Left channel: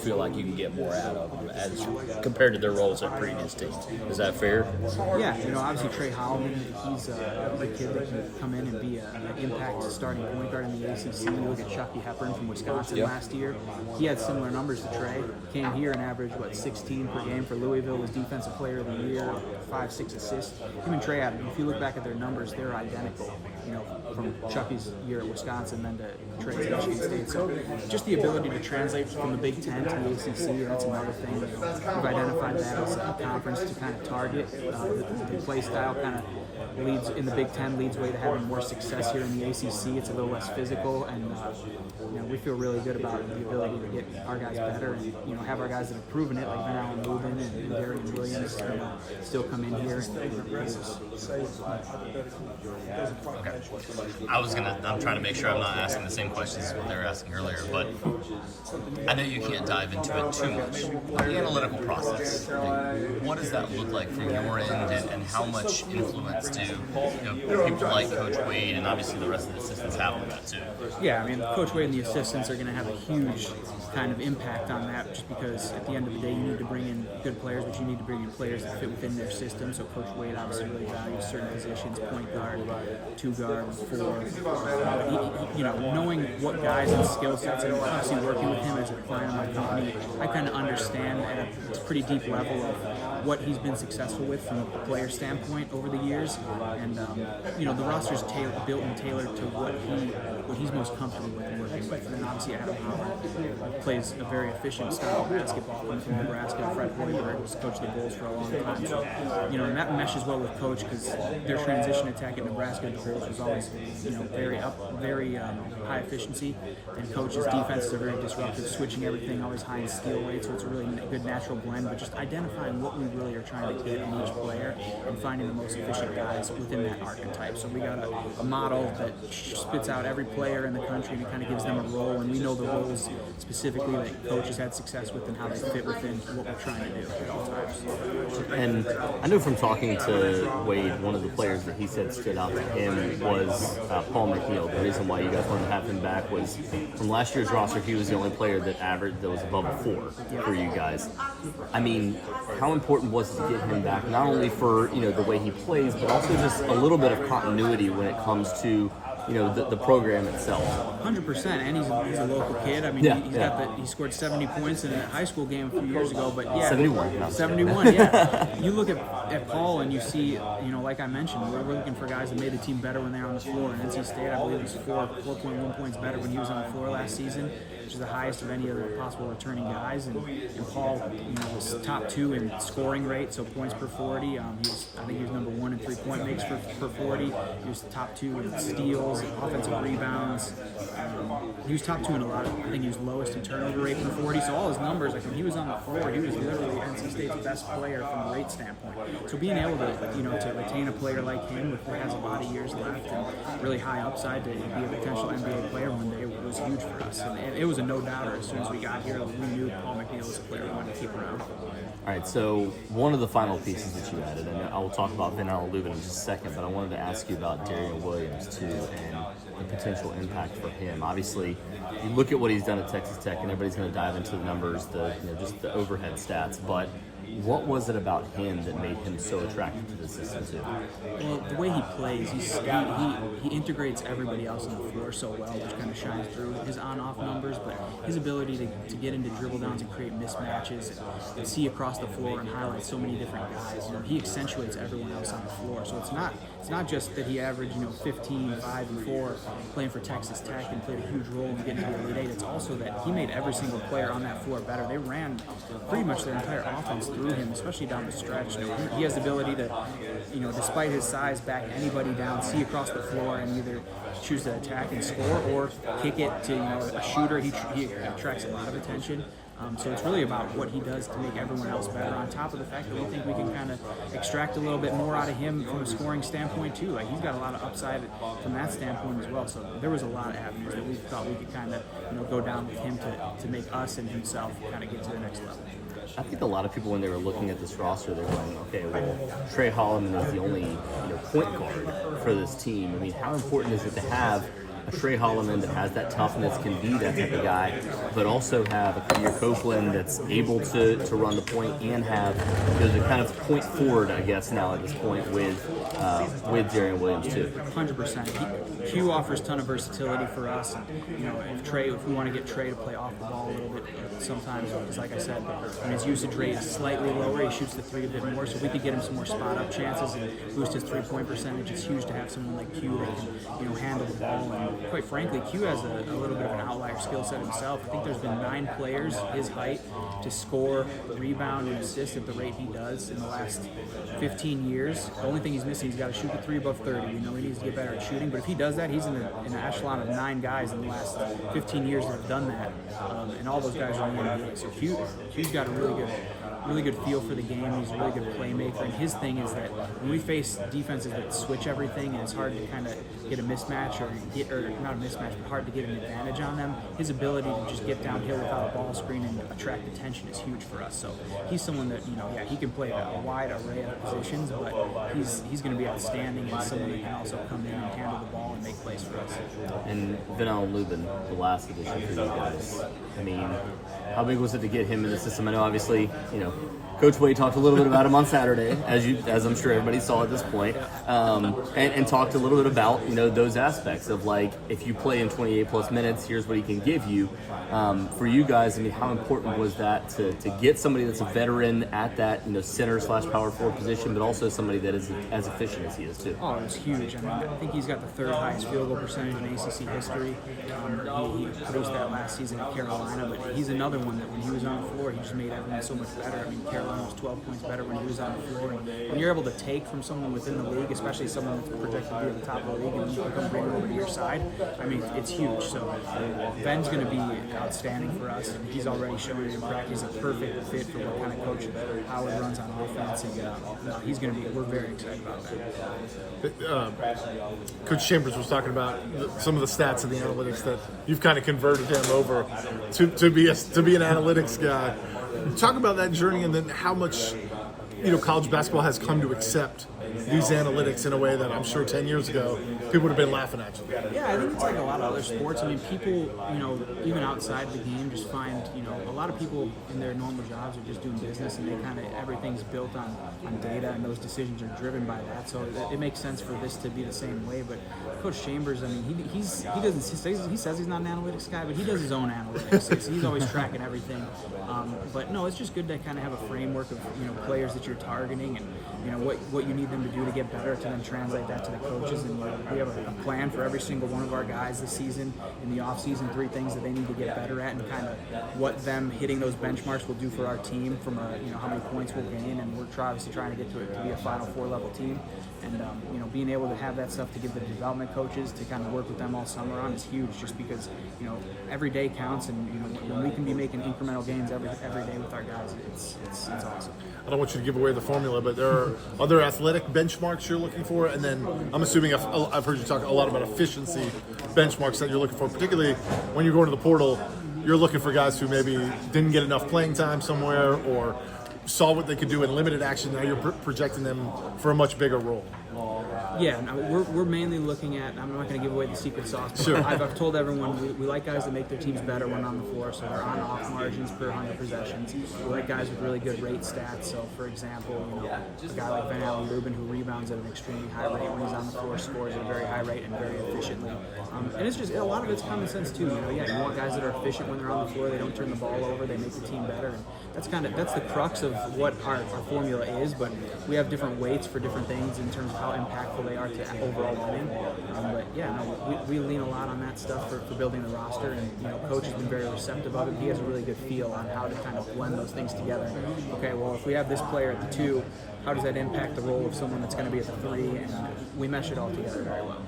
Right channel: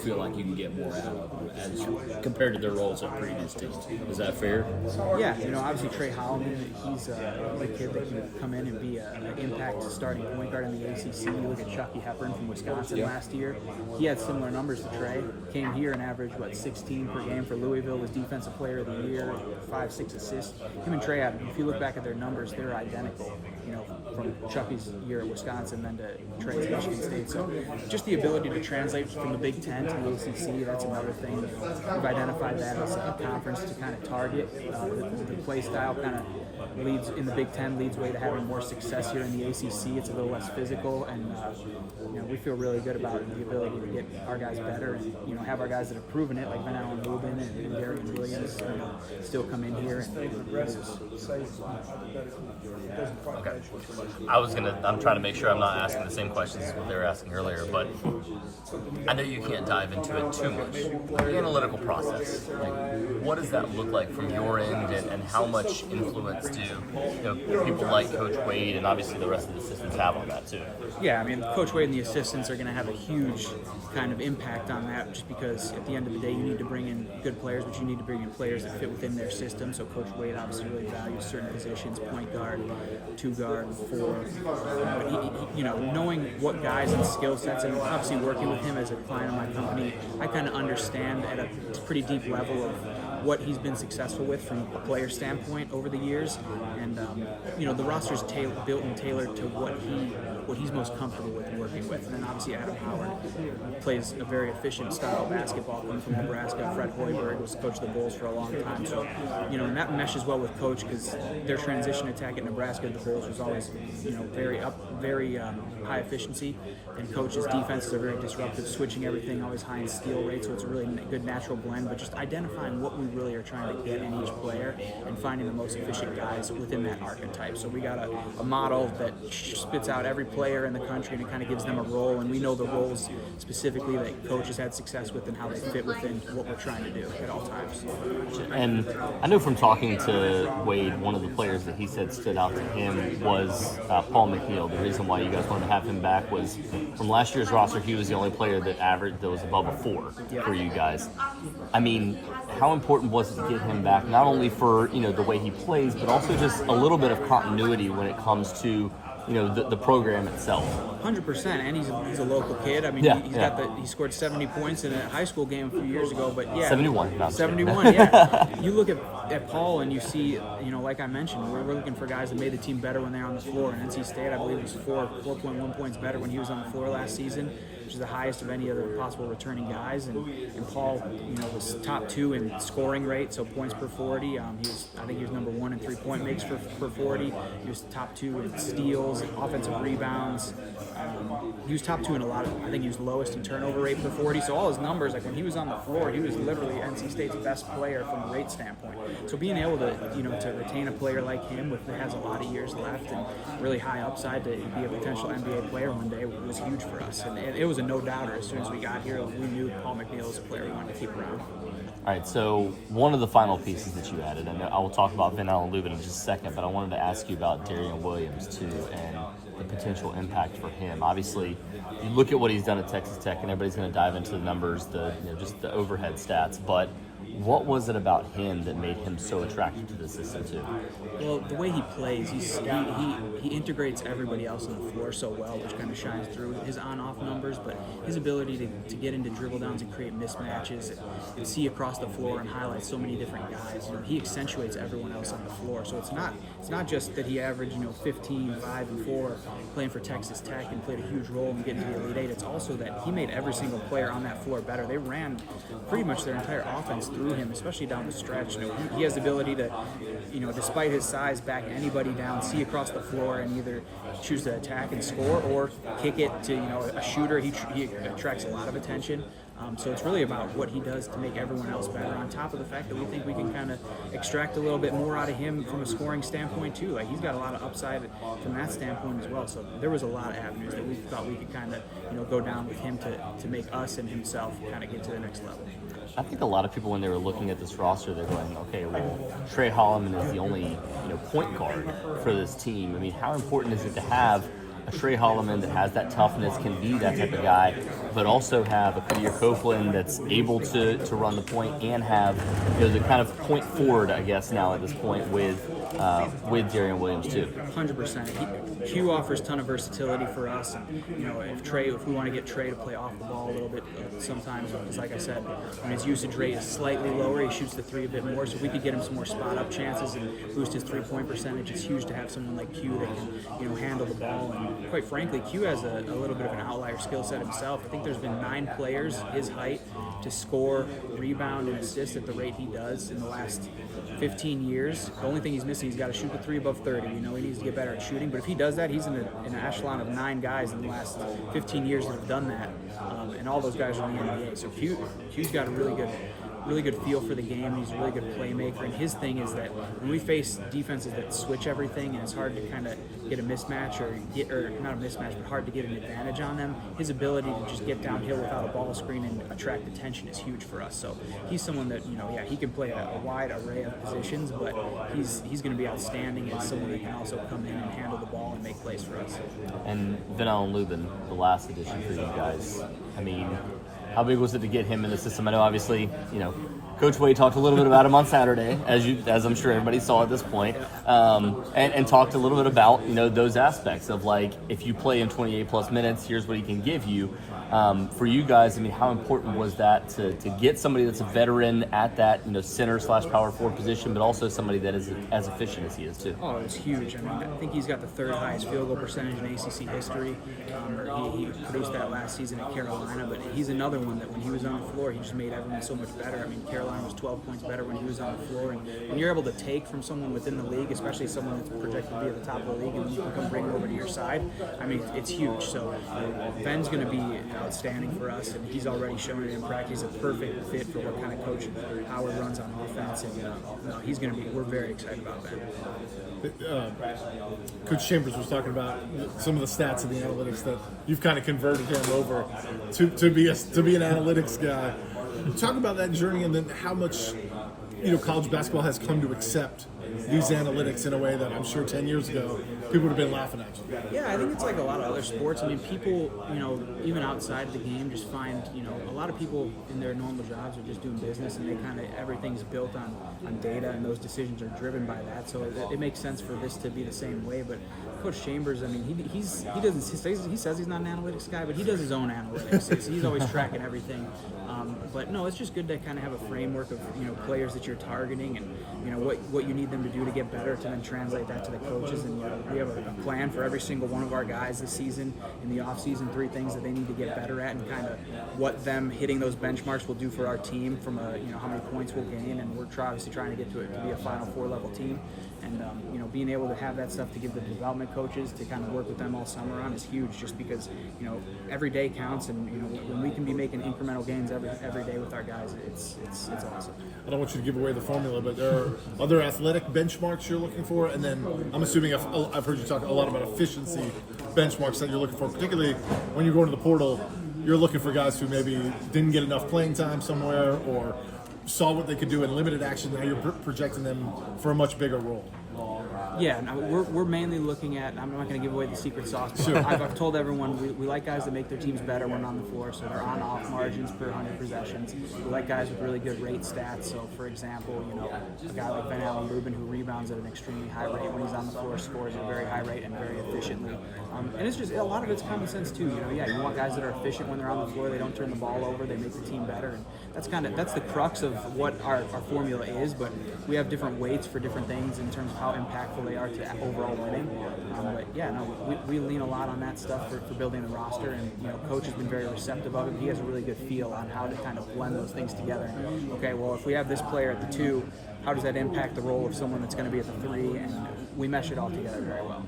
feel like you can get more out of them as compared to their roles at previous teams. Is that fair? Yeah, obviously Trey Holloman, he's a kid that can come in and be an impact starting point guard in the ACC. You look at Chucky Hepburn from Wisconsin last year. He had similar numbers to Trey. Came here and averaged, 16 per game for Louisville, was Defensive Player of the Year, 5-6 assists. Him and Trey, if you look back at their numbers, they're identical, from Chucky's year at Wisconsin then to Trey's at Michigan State. So just the ability to translate from the Big Ten to the ACC, that's another thing. We've identified that as a conference to kind of target. The play style kind of leads in the Big Ten, leads way to having more success here in the ACC. It's a little less physical, and we feel really good about the ability to get our guys better and have our guys that have proven it, like Van Allen Lubin and Darian Williams, still come in here and produce. Okay. I'm trying to make sure I'm not asking the same questions as what they were asking earlier, but I know you can't dive into it too much. The analytical process, what does that look like from your end, and how much influence do people like Coach Wade and obviously the rest of the assistants have on that too? Yeah, Coach Wade and the assistants are going to have a huge kind of impact on that, just because at the end of the day you need to bring in good players, but you need to bring in players that fit within their system. So Coach Wade obviously really values certain positions, point guard, two guard, four. But knowing what guys and skill sets, and obviously working with him as a client of my company, I kind of understand at a pretty deep level of what he's been successful with from a player standpoint over the years. And the roster's built and tailored to what he's most comfortable with working with. And then obviously Adam Howard plays a very efficient style of basketball, coming from Nebraska. Fred Hoiberg was coach of the Bulls for a long time. So, and that meshes well with Coach, because their transition attack at Nebraska at the Bulls was always, very high efficiency. And Coach's defenses are very disruptive, switching everything, always high in steal rate. So it's a really good natural blend, but just identifying what we really are trying to get in each player and finding the most efficient guys within that archetype. So we got a model that spits out every player in the country, and it kind of gives them a role, and we know the roles specifically that Coach has had success with and how they fit within what we're trying to do at all times. And I know from talking to Wade, one of the players that he said stood out to him was Paul McNeil. The reason why you guys wanted to have him back was from last year's roster, he was the only player that was above a 4 for you guys. How important was it to get him back, not only for the way he plays, but also just a little bit of continuity when it comes to the program itself? 100%, and he's a local kid. He scored 70 points in a high school game a few years ago, but 71, yeah. You look at Paul and you see, like I mentioned, we're looking for guys that made the team better when they're on the floor. And NC State, I believe, was 4.1 points better when he was on the floor last season, which is the highest of any other possible returning guys. And Paul, was top 2 in scoring rate, so points per 40. I think he was number 1 in 3-point makes per 40. He was top 2 in steals, offensive rebounds. He was top 2 in I think he was lowest in turnover rate per 40. So all his numbers, like when he was on the floor, he was literally NC State's best player from a rate standpoint. So being able to, to retain a player like him that has a lot of years left and really high upside to be a potential NBA player one day was huge for us. And it was a no-doubter. As soon as we got here, we knew Paul McNeil was a player we wanted to keep around. All right, so one of the final pieces that you added, and I will talk about Van Allen Lubin in just a second, but I wanted to ask you about Darian Williams too, and the potential impact for him. Obviously, you look at what he's done at Texas Tech, and everybody's going to dive into the numbers, just the overhead stats, but what was it about him that made him so attractive to the system too? Well, the way he plays, he integrates everybody else on the floor so well, which kind of shines through his on-off numbers, but his ability to get into dribble downs and create mismatches and see across the floor and highlight so many different guys. He accentuates everyone else on the floor. So it's not just that he averaged 15, 5, and 4 playing for Texas Tech and played a huge role in getting to the Elite Eight. It's also that he made every single player on that floor better. They ran pretty much their entire offense through him, especially down the stretch. He has the ability to, despite his size, back anybody down, see across the floor, and either choose to attack and score or kick it to a shooter. He attracts a lot of attention. So it's really about what he does to make everyone else better, on top of the fact that we think we can kind of extract a little bit more out of him from a scoring standpoint too. Like, he's got a lot of upside from that standpoint as well. So there was a lot of avenues that we thought we could kind of go down with him to make us and himself kind of get to the next level. I think a lot of people, when they were looking at this roster, they were going, okay, well, Trey Holloman is the only point guard for this team. How important is it to have a Trey Holloman that has that toughness, can be that type of guy, but also have a Peter Copeland that's able to run the point and have the kind of point forward, I guess, now at this point with Jarian Williams too. 100%. Q offers a ton of versatility for us, and if we want to get Trey to play off the ball a little bit sometimes, because like I said, when his usage rate is slightly lower, he shoots the three a bit more, so if we could get him some more spot up chances and boost his 3-point percentage, it's huge to have someone like Q that can handle the ball. And quite frankly, Q has a little bit of an outlier skill set himself. I think there's been 9 players his height to score, rebound, and assist at the rate he does in the last 15 years. The only thing he's missing, he's got to shoot the three above 30. He needs to get better at shooting, but if he does that, he's in an echelon of 9 guys in the last 15 years that have done that, and all those guys are in the NBA. So Q's got a really good feel for the game. He's a really good playmaker, and his thing is that when we face defenses that switch everything and it's hard to kind of get a mismatch or not a mismatch, but hard to get an advantage on them, his ability to just get downhill without a ball screen and attract attention is huge for us. So he's someone that he can play a wide array of positions, but he's going to be outstanding as someone that can also come in and handle the ball and make plays for us. And Vanell and Lubin, the last addition for you guys. I mean, how big was it to get him in the system? I know, obviously, Coach Wade talked a little bit about him on Saturday, as I'm sure everybody saw at this point, and talked a little bit about those aspects of, like, if you play in 28 plus minutes, here's what he can give you. For you guys, I mean, how important was that to get somebody that's a veteran at that center/power forward position, but also somebody that is as efficient as he is too? Oh, it's huge. I mean, I think he's got the 3rd highest field goal percentage in ACC history. He produced that last season at Carolina, but he's another one that when he was on the floor, he just made everyone so much better. I mean, Carolina was 12 points better when he was on the floor, and when you're able to take from someone within the league, especially someone that's projected to be at the top of the league, and you can come bring him over to your side, I mean, it's huge. So Ben's going to be outstanding for us, and he's already shown it in practice. He's a perfect fit for what kind of coach Howard runs on offense, and he's going to be. We're very excited about Ben. Coach Chambers was talking about some of the stats and the analytics that you've kind of converted him over to be an analytics guy. Talk about that journey, and then how much college basketball has come to accept these analytics in a way that I'm sure 10 years ago people would have been laughing at you. Yeah, I think it's like a lot of other sports. I mean, people, even outside of the game, just find, a lot of people in their normal jobs are just doing business, and they kind of, everything's built on data, and those decisions are driven by that. So it makes sense for this to be the same way. But Coach Chambers, I mean, he says he's not an analytics guy, but he does his own analytics. He's always tracking everything. But no, it's just good to kind of have a framework of players that you're targeting, and what you need them to do to get better, to then translate that to the coaches. And we have a plan for every single one of our guys this season, in the off season, 3 things that they need to get better at, and kind of what them hitting those benchmarks will do for our team from how many points we'll gain. And we're obviously trying to get to be a Final Four level team. And being able to have that stuff to give the development coaches to kind of work with them all summer on is huge, just because every day counts, and when we can be making incremental gains every day with our guys, it's awesome. I don't want you to give away the formula, but there are other athletic benchmarks you're looking for, and then I'm assuming I've heard you talk a lot about efficiency benchmarks that you're looking for, particularly when you're going to the portal. You're looking for guys who maybe didn't get enough playing time somewhere, or saw what they could do in limited action. Now you're projecting them for a much bigger role. Yeah, no, we're mainly looking at, I'm not going to give away the secret sauce, but sure. I've told everyone we like guys that make their teams better when on the floor, so they're on-off margins per 100 possessions. We like guys with really good rate stats. So, for example, a guy like Vanell and Lubin, who rebounds at an extremely high rate when he's on the floor, scores at a very high rate and very efficiently. And it's just, a lot of it's common sense too. You want guys that are efficient when they're on the floor. They don't turn the ball over. They make the team better, and that's the crux of what our formula is. But we have different weights for different things in terms of how impactful they are to overall winning. But yeah, no, we lean a lot on that stuff for building the roster, and coach has been very receptive of it. He has a really good feel on how to kind of blend those things together. Okay, well, if we have this player at the 2, how does that impact the role of someone that's going to be at the 3? And we mesh it all together very well.